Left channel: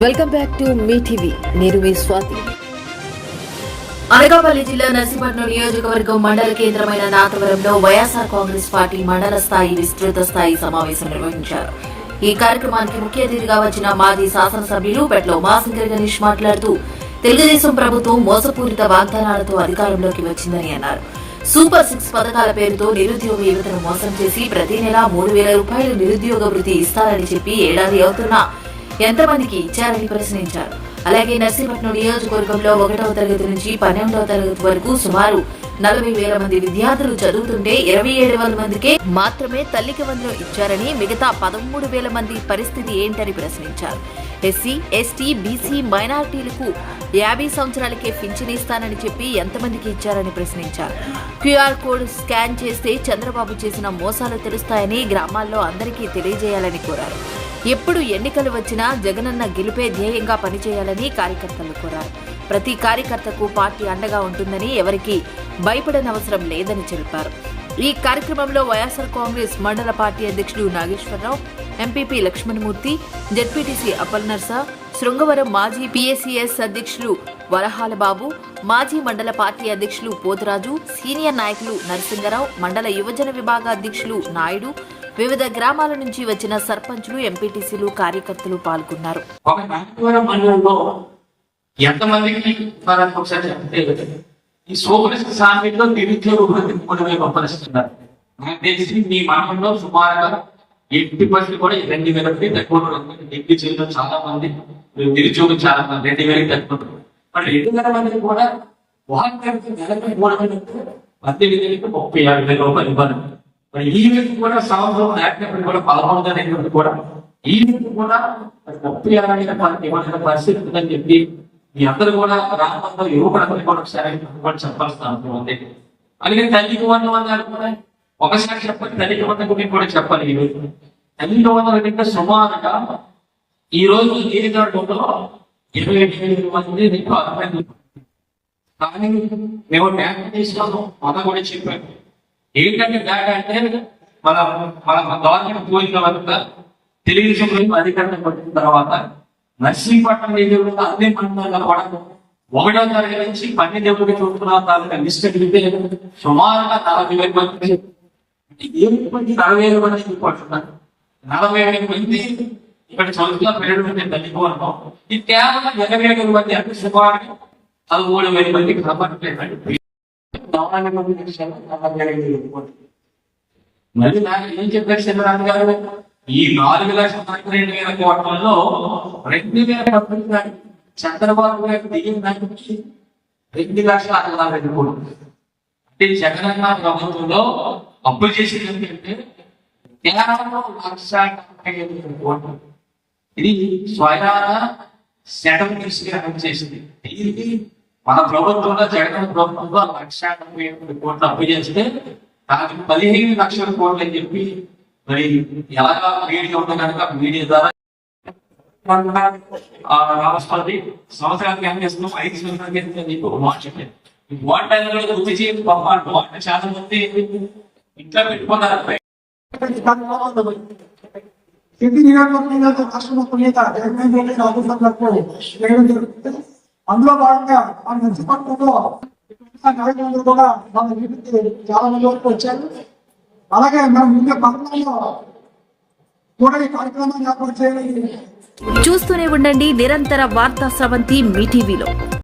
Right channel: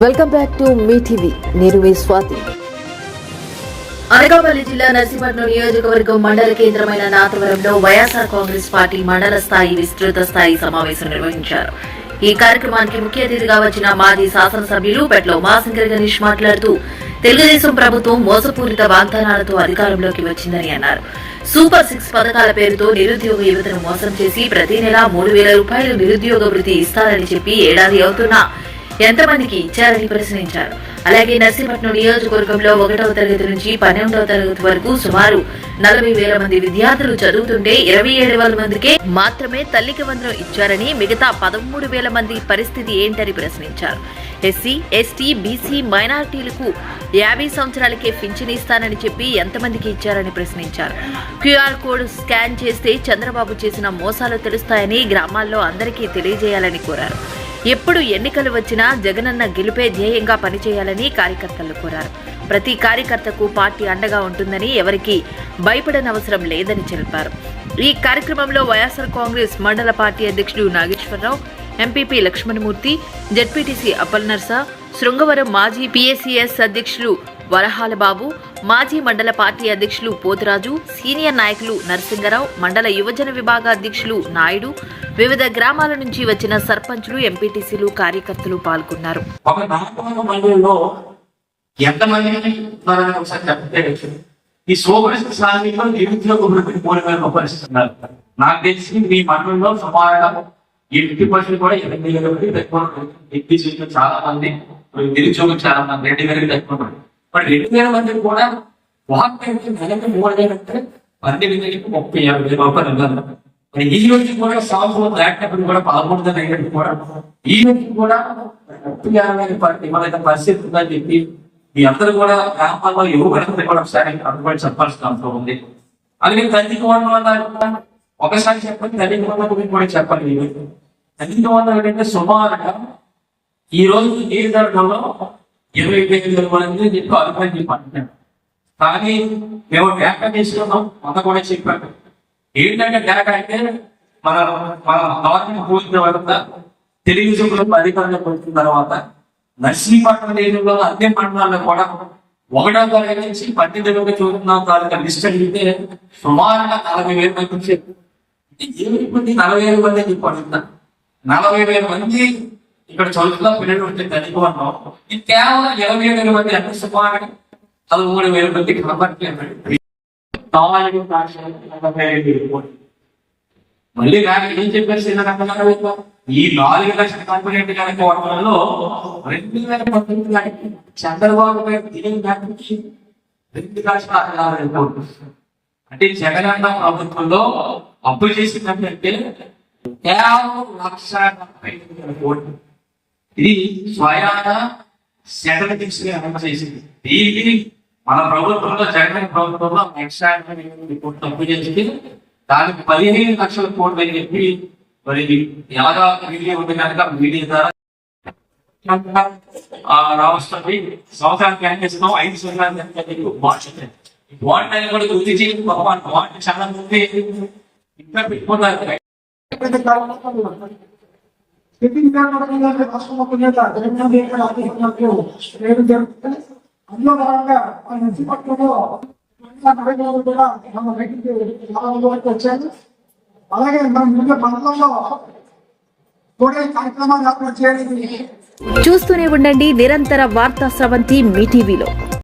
Welcome back to me TV. నేను మీ స్వాతి. అనకాపల్లి జిల్లా నర్సీపట్నం నియోజకవర్గం మండల కేంద్రమైన నాతవరంలో వైఎస్ఆర్ కాంగ్రెస్ పార్టీ మండల స్థాయి విస్తృత స్థాయి సమావేశం నిర్వహించారు. ఈ కార్యక్రమానికి ముఖ్య అతిథిగా వచ్చిన మాజీ శాసనసభ్యులు పెట్ల ఉమాశంకర్ గణేష్ మాట్లాడుతూ తెలుగుదేశం ప్రభుత్వం మోసపూరిత వాగ్దానాలతో అధికారంలోకి వచ్చిందని అన్నారు. సూపర్ 6 పథకాల పేరుతో నిరుద్యోగ యువతను మోసం చేసి ప్రతి నెల 3,000 రూపాయలు నిరుద్యోగ వృత్తి ఇస్తారని చెప్పి ఏడాది అవుతున్నా ఎంతమందికి ఇచ్చారని ప్రశ్నించారు. అలాగే నర్సీపట్నం నియోజకవర్గంలో 1వ తరగతి నుంచి 12వ తరగతి వరకు సుమారు 40,000 మంది విద్యార్థులు చదువుతుంటే 27,000 మందికే మాత్రమే తల్లికి వందనం ఇచ్చారని, మిగతా 13,000 మంది పరిస్థితి ఏంటని ప్రశ్నించారు. ఎస్సీ, ఎస్టీ, బీసీ, మైనారిటీలకు 50 సంవత్సరాలకే పింఛన్ ఇస్తానని చెప్పి ఎంతమందికి ఇచ్చారని ప్రశ్నించారు. క్యూఆర్ కోడ్ స్కాన్ చేస్తే చంద్రబాబు చేసిన మోసాలు తెలుస్తాయని గ్రామాల్లో అందరికీ తెలియజేయాలని కోరారు. ఎప్పుడు ఎన్నికలు వచ్చినా జగనన్న గెలుపే ధ్యేయంగా పనిచేయాలని కార్యకర్తలు కోరారు. ప్రతి కార్యకర్తకు పార్టీ అండగా ఉంటుందని, ఎవరికీ భయపడనవసరం లేదని తెలిపారు. ఈ కార్యక్రమంలో వైఎస్ఆర్ కాంగ్రెస్ మండల పార్టీ అధ్యక్షుడు నాగేశ్వరరావు, ఎంపీపీ లక్ష్మణమూర్తి, జెడ్పీటీసీ అప్పల్నర్స, శృంగవరం మాజీ పీఏసీఎస్ అధ్యక్షులు వరహాలబాబు, మాజీ మండల పార్టీ అధ్యక్షులు పోతురాజు, సీనియర్ నాయకులు నరసింగరావు, మండల యువజన విభాగ అధ్యక్షులు నాయుడు, వివిధ గ్రామాల నుంచి వచ్చిన సర్పంచులు, ఎంపీటీసీలు, కార్యకర్తలు పాల్గొన్నారు. ఈ సోపరిస్థితి సాంఘికంలో నిరుద్యోగ వృత్తిని 3,000 రూపాయలు ఇస్తున్నారు. నాకు తెలిసి మీ మండలంలో సుమారుగా 80% కూడా 2,000 తక్కువ డిగ్రీ చేయడం చాలా మంది, నిరుద్యోగం చాలా మంది 2,000 తక్కువ. మరి 2,000 మందికి కూడా నెలకు 3,000 అంటే 12,000 30,000 రూపాయలు ఇవ్వాలి. మరి ఈ రోజు కూడా సంవత్సరం లేకపోతే కూడా 11వ తేదీ కూడా ఈ రోజు కూడా 30,000 ఇవ్వలేని పరిస్థితి ఉందని చెప్పి మీ అందరూ కూడా గ్రామాల్లో యువకులందరూ కూడా ఒకసారి అనుకోని చెప్పాల్సిన అవసరం ఉంది. అలాగే తల్లికి వందనాలు ఒకసారి చెప్పండి, తల్లికి వందన గురించి కూడా చెప్పాలి. ఈ రోజు తల్లికి వందనాలు కంటే సుమారుగా ఈ రోజు ఏ ధరలో 20,000 మంది నీకు అభిప్రాయం చెప్పంటున్నాను. కానీ మేము డేటా తీసుకున్నాం, అంత కూడా చెప్పాను. ఏంటంటే డేటా అంటే మన గవర్నమెంట్ పోయిన తర్వాత తెలుగుదేశం అధికారంలోకి వచ్చిన తర్వాత నర్సీపట్నం నియోజకవర్గంలో అన్ని మండలాల్లో కూడా 1వ తరగతి నుంచి 12వ తరగతి చదువుకున్న తాలూకా లిస్ట్ అడిగితే సుమారుగా 40,000 మంది, 40,000 మంది చెప్పారు. 40,000 మంది ఇక్కడ చదువుతున్న పిల్లలు ఉంటే తల్లిపోన్నాం. ఇది కేవలం 27,000 మంది అంటే సుమారుగా 13,000 మంది కాబట్టి మళ్ళీ నాకు ఏం చెప్పారు చిన్న గారు, ఈ 4,42,000 కోట్లలో 2,000 చంద్రబాబు గారు దిగిన దానికి 2,60,40,000 కోట్లు. అంటే జగనన్న ప్రభుత్వంలో అప్పు చేసిందంటే కేవలం 1,75,000 కోట్లు. ఇది స్వయాన సెటల్ తీసుకుని చేసింది. దీనికి మన ప్రభుత్వంలో జగన్ ప్రభుత్వంలో 1,80,000 కోట్లు అప్పు చేస్తే దానికి 15 లక్షల కోట్లు అని చెప్పి మరి ఎలాగా మీడియా ఉంది కనుక మీడియా ద్వారా రావస్తుంది. సంవత్సరానికి ఏం చేస్తున్నాం, 5 సంవత్సరాలకి బాండ్ కూడా గుర్తు చేయాలి. బాండ్ చాలా మంది ఇంట్లో పెట్టుకున్నారు. అందులో భాగంగా మన నర్సీపట్నంలో నాయకులందరూ కూడా మన మీటింగ్కి చాలా మంది వరకు వచ్చారు. అలాగే మన ముందు మండలంలో కూడా ఈ కార్యక్రమాన్ని ఏర్పాటు చేయాలని చూస్తూనే ఉండండి నిరంతర వార్తా స్రవంతి మీ టీవీలో.